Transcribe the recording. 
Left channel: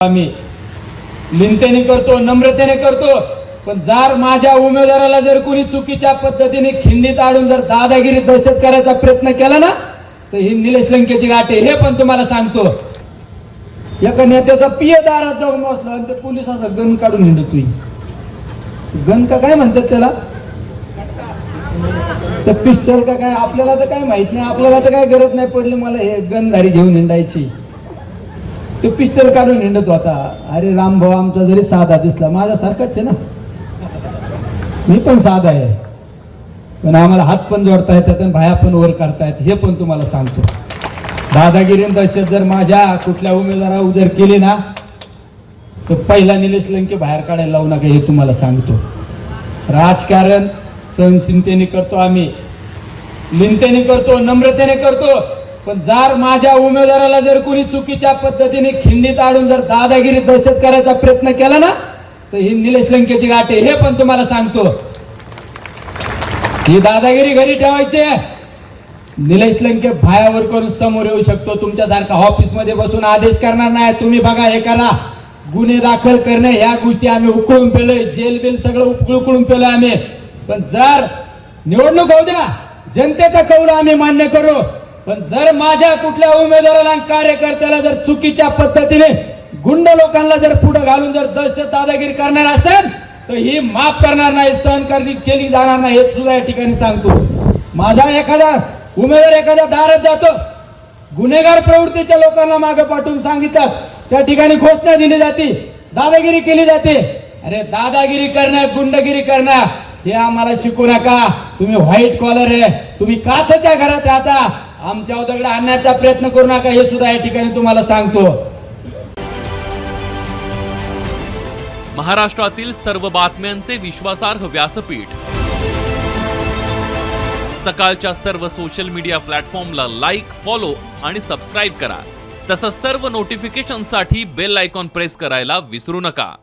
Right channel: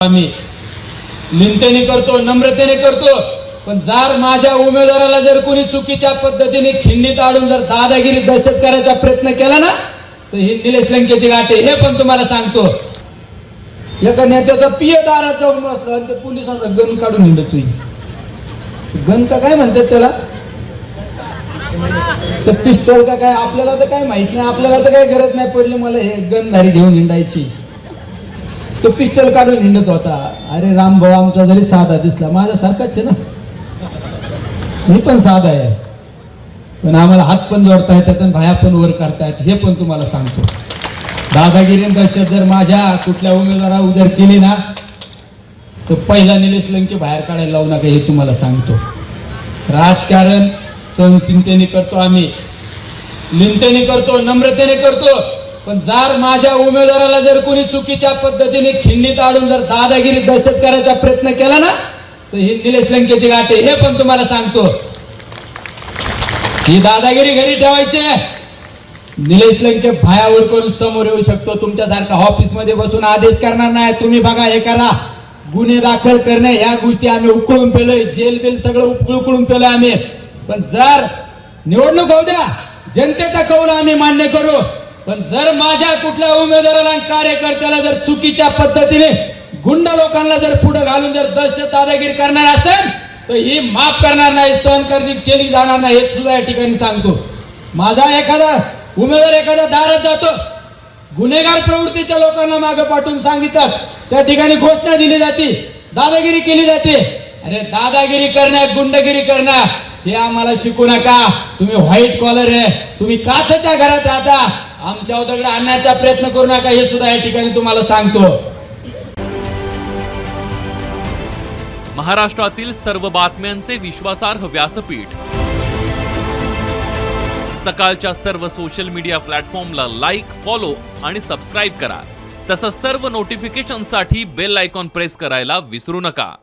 आम्ही लिंतेने करतो, नम्रतेने करतो, पण जर माझ्या उमेदवाराला जर कोणी चुकीच्या पद्धतीने खिंडीत आणून जर दादागिरी दहशत करायचा प्रयत्न केला ना, तर ही निलेश लंकेची गाठ आहे. हे पण तुम्हाला सांगतो. एका नेत्याचा पिये दारात जाऊन बसला आणि ते पोलिसाचा गन काढून हिंडतोय. गन का काय म्हणतात त्याला, तर पिस्टल का काय, आपल्याला तर काय माहित नाही. आपल्याला तर काय गरज नाही पडली मला हे गनधारी घेऊन हिंडायची. तो पिस्टल काढून हिंडत होता. अरे राम भाऊ आमचा जरी साधा दिसला, माझ्या सारखाच आहे ना, मी पण साधा आहे, पण आम्हाला हात पण जोडता येतात आणि भाया पण वर करतायत. हे पण तुम्हाला सांगतो. दादागिरी दहशत जर माझ्या कुठल्या उमेदवारा उदर केली ना, तर पहिला निलेश लंके बाहेर काढायला लावू नका. हे तुम्हाला सांगतो. राजकारण सहनशीलतेने करतो, आम्ही लिंतेने करतो, नम्रतेने करतो, पण जर माझ्या उमेदवाराला जर कोणी चुकीच्या पद्धतीने खिंडीत आणून जर दादागिरी दहशत करायचा प्रयत्न केला ना, तर ही निलेश लंकेची गाठ आहे. हे पण तुम्हाला सांगतो. ही दादागिरी घरी ठेवायची. निलेश लंके भायावर करून समोर येऊ शकतो. तुमच्यासारखा ऑफिस मध्ये बसून आदेश करणार नाही. तुम्ही बघा, हे करा, गुन्हे दाखल करणे, या गोष्टी आम्ही उकळून पेलोय. जेल बिल सगळं उकळून पेलोय आम्ही. पण जर निवडणूक होऊ द्या, जनतेचा कौल आम्ही मान्य करू. पण जर माझ्या कुठल्या उमेदवाराला कार्यकर्त्याला जर चुकीच्या पद्धतीने गुंड लोकांना जर पुढे घालून जर दहशत दादागिरी करणार असेल, तर ही माफ करणार नाही, सहन केली जाणार नाही. हे सुद्धा या ठिकाणी सांगतो. माझा एखादा उमेदवार एखाद्या दारात जातो, गुन्हेगार प्रवृत्तीच्या लोकांना मागे पाठवून सांगितलं, त्या ठिकाणी घोषणा दिली जाते, दादागिरी केली जाते. अरे दादागिरी करणं, गुंडगिरी करणं हे आम्हाला शिकू नका. तुम्ही व्हाईट कॉलर आहे, तुम्ही काचेच्या घरात राहता, आमच्या उदगडे आणण्याचा प्रयत्न करू नका. हे सुद्धा या ठिकाणी तुम्हाला सांगतो. महाराष्ट्रातील सर्व बातम्यांचे विश्वासार्ह व्यासपीठ, सकाळच्या सर्व सोशल मीडिया प्लॅटफॉर्मला लाईक, फॉलो आणि सबस्क्राईब करा. तसंच सर्व नोटिफिकेशनसाठी बेल आयकॉन प्रेस करायला विसरू नका.